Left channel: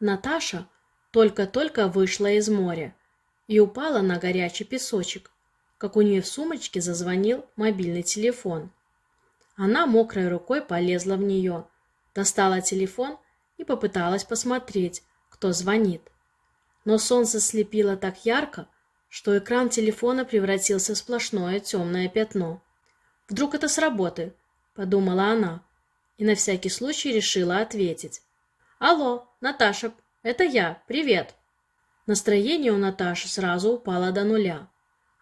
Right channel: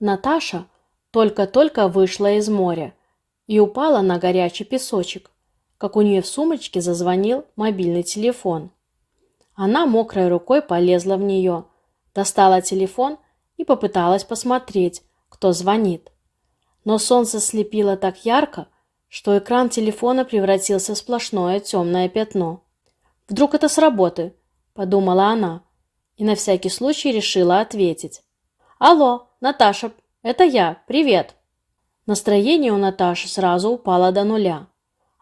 Наташа только-только вышла из моря и упала на горячий песочек, как у нее в сумочке зазвонил мобильный телефон. Она мокрой рукой полезла в нее, достала телефон и попыталась посмотреть, кто звонит. Но солнце слепило так ярко, что экран телефона превратился в сплошное темное пятно. «Вдруг это с работы?» – подумала она и на всякий случай решила ответить. «Алло, Наташа, это я, привет!» Настроение у Наташи сразу упало до нуля.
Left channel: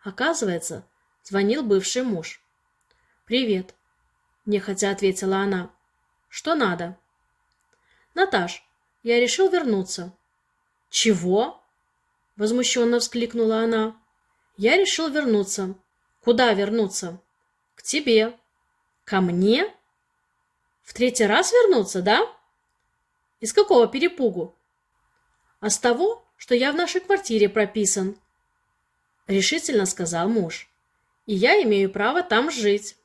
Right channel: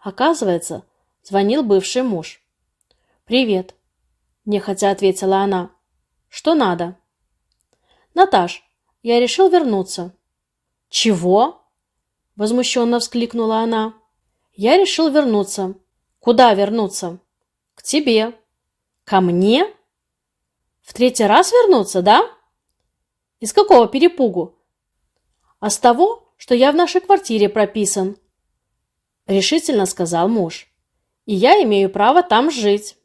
Оказывается, звонил бывший муж. «Привет», – нехотя ответила она. «Что надо?» «Наташ, я решил вернуться». «Чего?» – возмущенно вскликнула она. «Я решил вернуться». «Куда вернуться?» «К тебе». «Ко мне? В третий раз вернуться, да?» «Из какого перепугу?» «А с того, что я в нашей квартире прописан», – решительно сказал муж. «И я имею право там жить».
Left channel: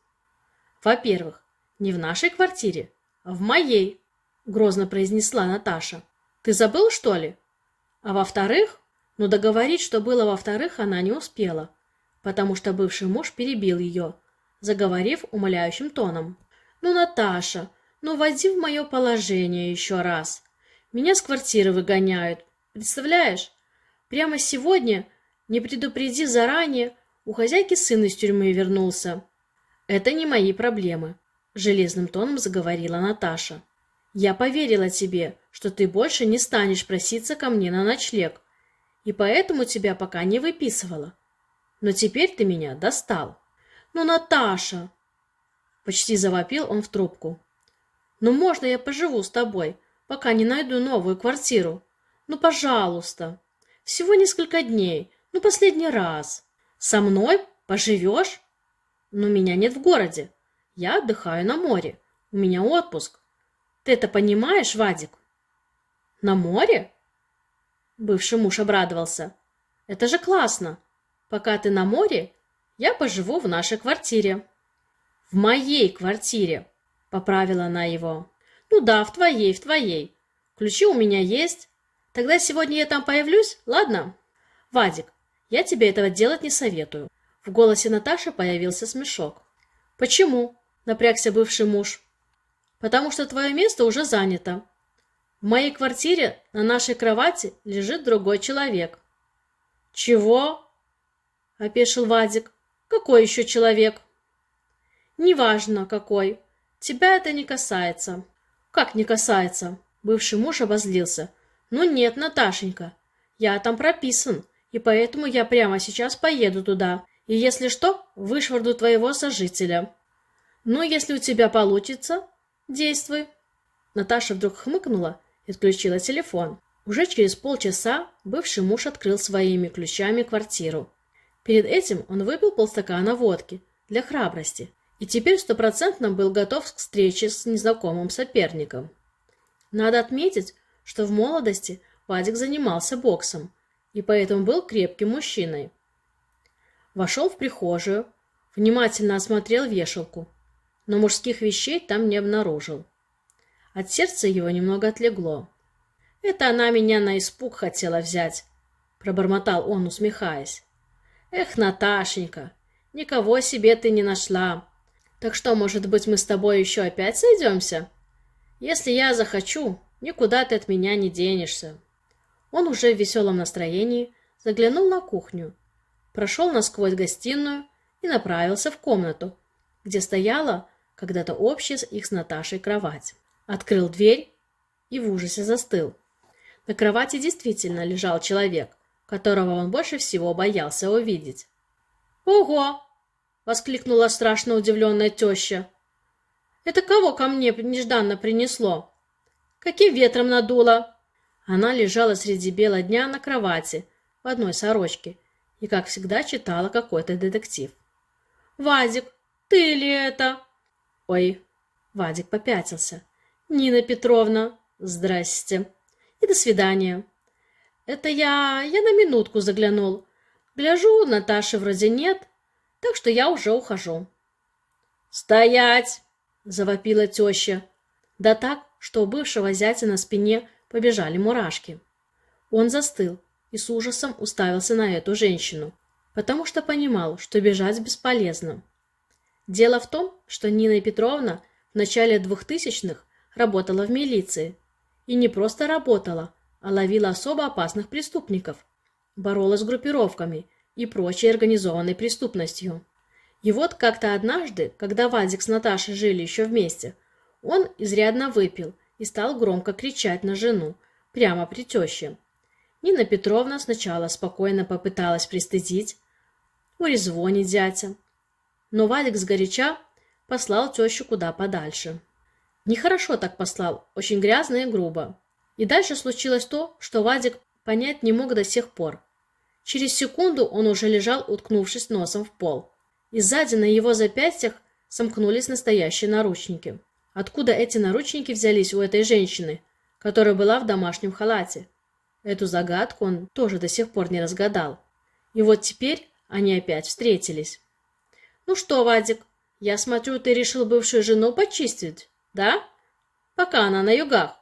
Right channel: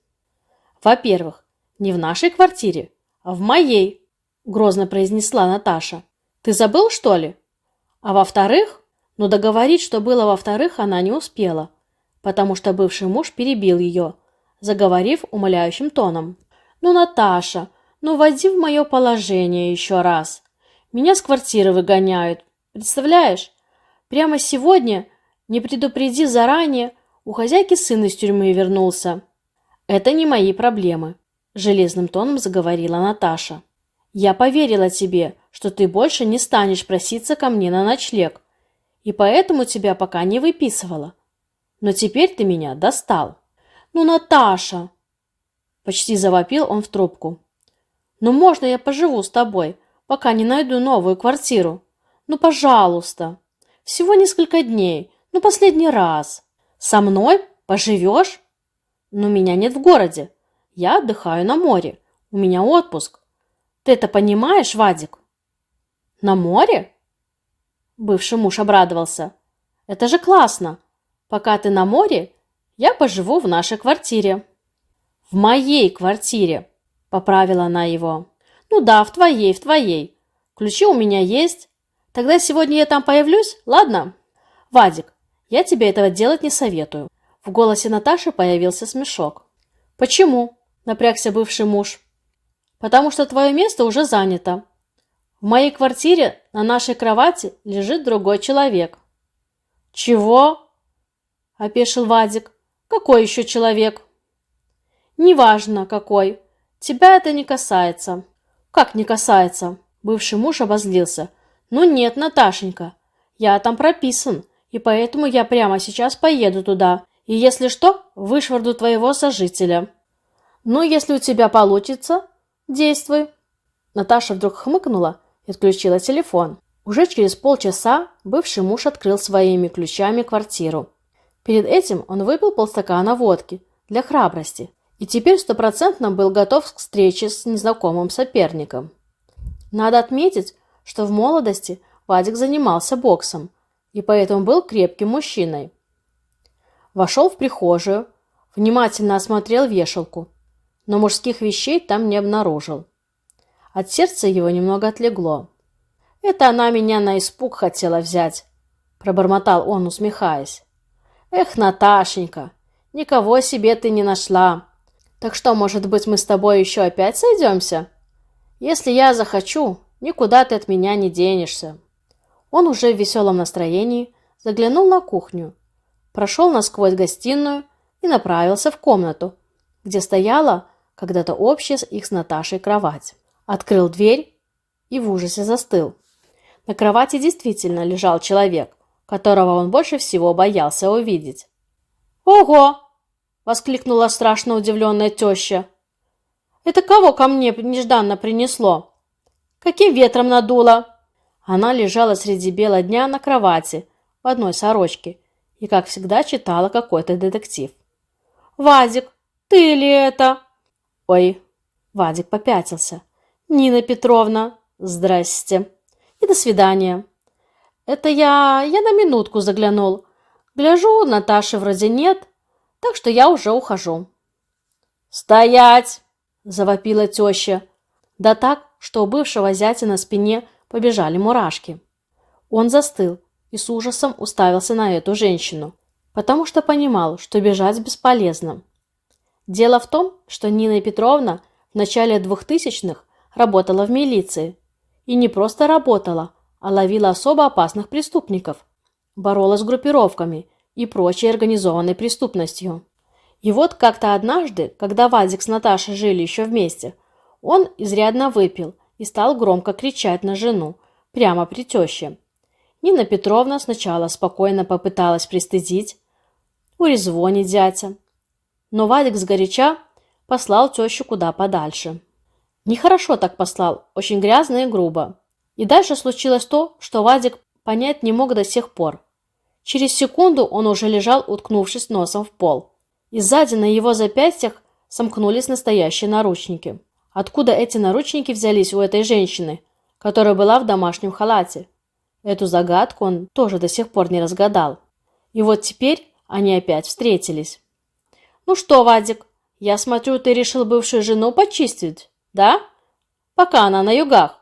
«Во-первых, не в нашей квартире, а в моей», – грозно произнесла Наташа. «Ты забыл, что ли?» «А во-вторых...» Но договорить, что было во-вторых, она не успела, потому что бывший муж перебил ее, заговорив умоляющим тоном. «Ну, Наташа, ну войди в мое положение еще раз. Меня с квартиры выгоняют. Представляешь? Прямо сегодня, не предупредив заранее, у хозяйки сын из тюрьмы вернулся». «Это не мои проблемы», – железным тоном заговорила Наташа. «Я поверила тебе, что ты больше не станешь проситься ко мне на ночлег, и поэтому тебя пока не выписывала. Но теперь ты меня достал». «Ну, Наташа!» – почти завопил он в трубку. «Ну, можно я поживу с тобой, пока не найду новую квартиру? Ну, пожалуйста. Всего несколько дней, ну, последний раз. Со мной поживешь? Но меня нет в городе. Я отдыхаю на море. У меня отпуск. Ты это понимаешь, Вадик?» «На море?» Бывший муж обрадовался. «Это же классно! Пока ты на море, я поживу в нашей квартире». «В моей квартире», — поправила она его. «Ну да, в твоей. Ключи у меня есть. Тогда сегодня я там появлюсь, ладно?» «Вадик, я тебе этого делать не советую». В голосе Наташи появился смешок. «Почему?» — напрягся бывший муж. «Потому что твое место уже занято. В моей квартире на нашей кровати лежит другой человек». «Чего?» – опешил Вадик. «Какой еще человек?» «Неважно, какой. Тебя это не касается». «Как не касается?» Бывший муж обозлился. «Ну нет, Наташенька, я там прописан, и поэтому я прямо сейчас поеду туда, и если что, вышвырну твоего сожителя». «Ну, если у тебя получится, действуй». Наташа вдруг хмыкнула и отключила телефон. Уже через полчаса бывший муж открыл своими ключами квартиру. Перед этим он выпил полстакана водки для храбрости и теперь стопроцентно был готов к встрече с незнакомым соперником. Надо отметить, что в молодости Вадик занимался боксом и поэтому был крепким мужчиной. Вошел в прихожую, внимательно осмотрел вешалку, но мужских вещей там не обнаружил. От сердца его немного отлегло. «Это она меня на испуг хотела взять», – пробормотал он, усмехаясь. «Эх, Наташенька, никого себе ты не нашла. Так что, может быть, мы с тобой еще опять сойдемся? Если я захочу, никуда ты от меня не денешься». Он уже в веселом настроении заглянул на кухню, прошел насквозь гостиную и направился в комнату, где стояла когда-то общая их с Наташей кровать. Открыл дверь и в ужасе застыл. На кровати действительно лежал человек, которого он больше всего боялся увидеть. «Ого!» – воскликнула страшно удивленная теща. «Это кого ко мне нежданно принесло? Каким ветром надуло?» Она лежала среди бела дня на кровати в одной сорочке и, как всегда, читала какой-то детектив. «Вадик, ты ли это?» «Ой!» – Вадик попятился. «Нина Петровна, здрасте. И до свидания. Это я на минутку заглянул. Гляжу, Наташи вроде нет, так что я уже ухожу». «Стоять!» – завопила теща. Да так, что у бывшего зятя на спине побежали мурашки. Он застыл и с ужасом уставился на эту женщину, потому что понимал, что бежать бесполезно. Дело в том, что Нина Петровна в начале 2000-х работала в милиции. И не просто работала, а ловила особо опасных преступников, боролась с группировками и прочей организованной преступностью. И вот как-то однажды, когда Вадик с Наташей жили еще вместе, он изрядно выпил и стал громко кричать на жену, прямо при теще. Нина Петровна сначала спокойно попыталась пристыдить, урезвонить зятя, но Вадик сгоряча послал тещу куда подальше. Нехорошо так послал, очень грязно и грубо. И дальше случилось то, что Вадик понять не мог до сих пор. Через секунду он уже лежал, уткнувшись носом в пол. И сзади на его запястьях сомкнулись настоящие наручники. Откуда эти наручники взялись у этой женщины, которая была в домашнем халате? Эту загадку он тоже до сих пор не разгадал. И вот теперь они опять встретились. «Ну что, Вадик, я смотрю, ты решил бывшую жену почистить, да? Пока она на югах.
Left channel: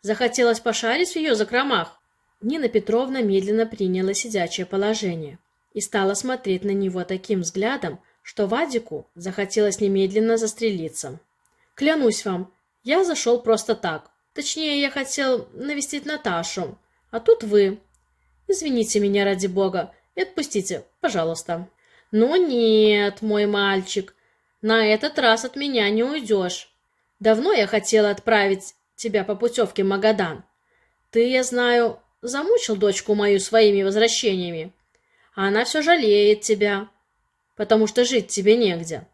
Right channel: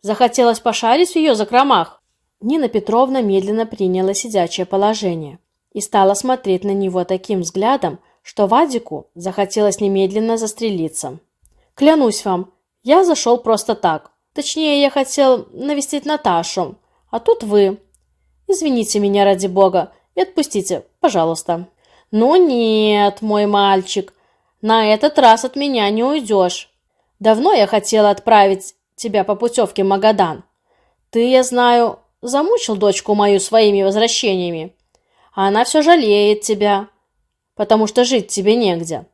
Захотелось пошарить в ее закромах». Нина Петровна медленно приняла сидячее положение и стала смотреть на него таким взглядом, что Вадику захотелось немедленно застрелиться. «Клянусь вам, я зашел просто так. Точнее, я хотел навестить Наташу, а тут вы. Извините меня ради бога и отпустите, пожалуйста». «Ну нет, мой мальчик, на этот раз от меня не уйдешь. Давно я хотела отправить тебя по путевке в Магадан. Ты, я знаю, замучил дочку мою своими возвращениями, а она все жалеет тебя, потому что жить тебе негде.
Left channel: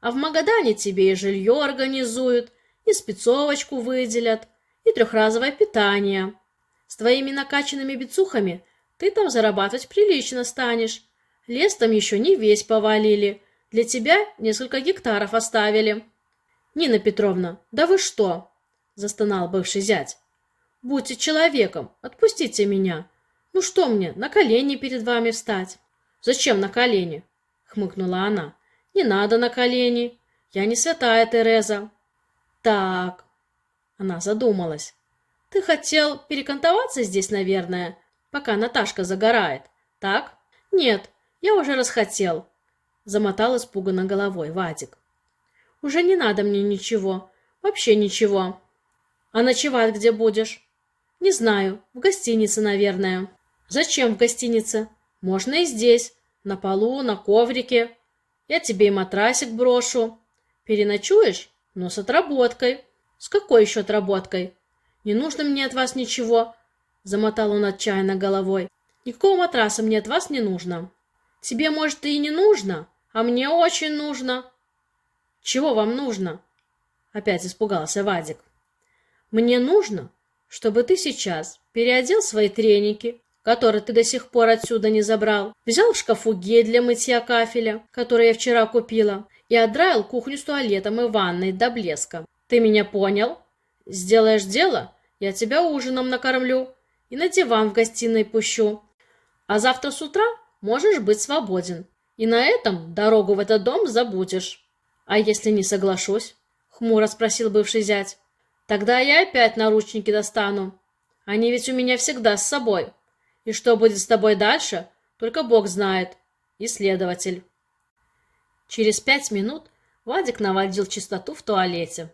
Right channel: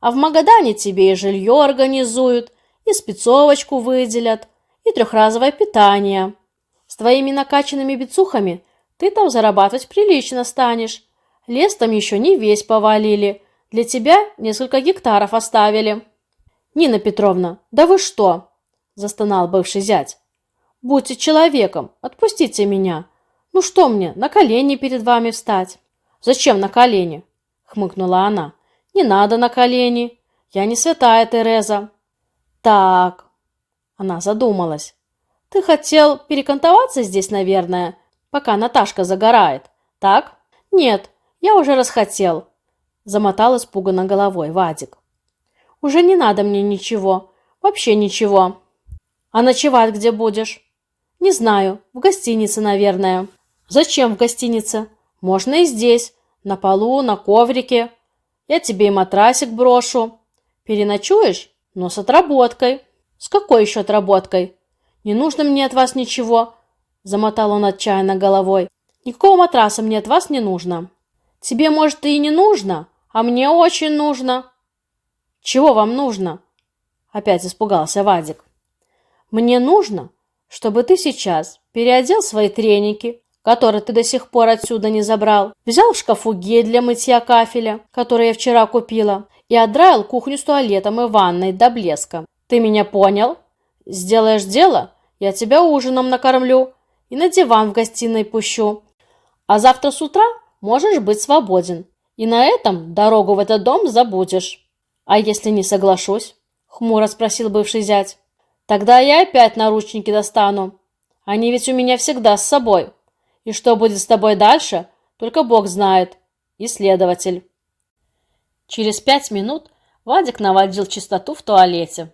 А в Магадане тебе и жилье организуют, и спецовочку выделят, и трехразовое питание. С твоими накачанными бицухами ты там зарабатывать прилично станешь. Лес там еще не весь повалили, для тебя несколько гектаров оставили». «Нина Петровна, да вы что?» – застонал бывший зять. «Будьте человеком, отпустите меня. Ну что мне, на колени перед вами встать?» «Зачем на колени?» – хмыкнула она. «Не надо на колени. Я не святая Тереза». «Так», – она задумалась. «Ты хотел перекантоваться здесь, наверное, пока Наташка загорает, так?» «Нет, я уже расхотел», – замотал испуганно головой Вадик. «Уже не надо мне ничего, вообще ничего». «А ночевать где будешь?» «Не знаю, в гостинице, наверное». «Зачем в гостинице? Можно и здесь, на полу, на коврике. Я тебе и матрасик брошу. Переночуешь, но с отработкой». «С какой еще отработкой? Не нужно мне от вас ничего», – замотал он отчаянно головой. «Никакого матраса мне от вас не нужно». «Тебе, может, и не нужно, а мне очень нужно». «Чего вам нужно?» – опять испугался Вадик. «Мне нужно, чтобы ты сейчас переодел свои треники, которые ты до сих пор отсюда не забрал, взял в шкафу гель для мытья кафеля, который я вчера купила, и отдраил кухню с туалетом и ванной до блеска. Ты меня понял? Сделаешь дело, я тебя ужином накормлю и на диван в гостиной пущу. А завтра с утра можешь быть свободен, и на этом дорогу в этот дом забудешь». «А если не соглашусь?» – хмуро спросил бывший зять. «Тогда я опять наручники достану. Они ведь у меня всегда с собой. И что будет с тобой дальше, только Бог знает. И следователь». Через 5 минут Вадик наводил чистоту в туалете.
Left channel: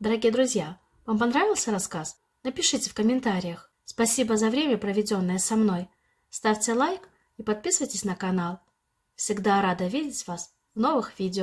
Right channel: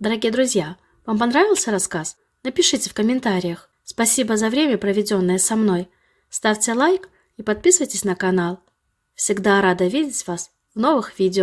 Дорогие друзья, вам понравился рассказ? Напишите в комментариях. Спасибо за время, проведенное со мной. Ставьте лайк и подписывайтесь на канал. Всегда рада видеть вас в новых видео.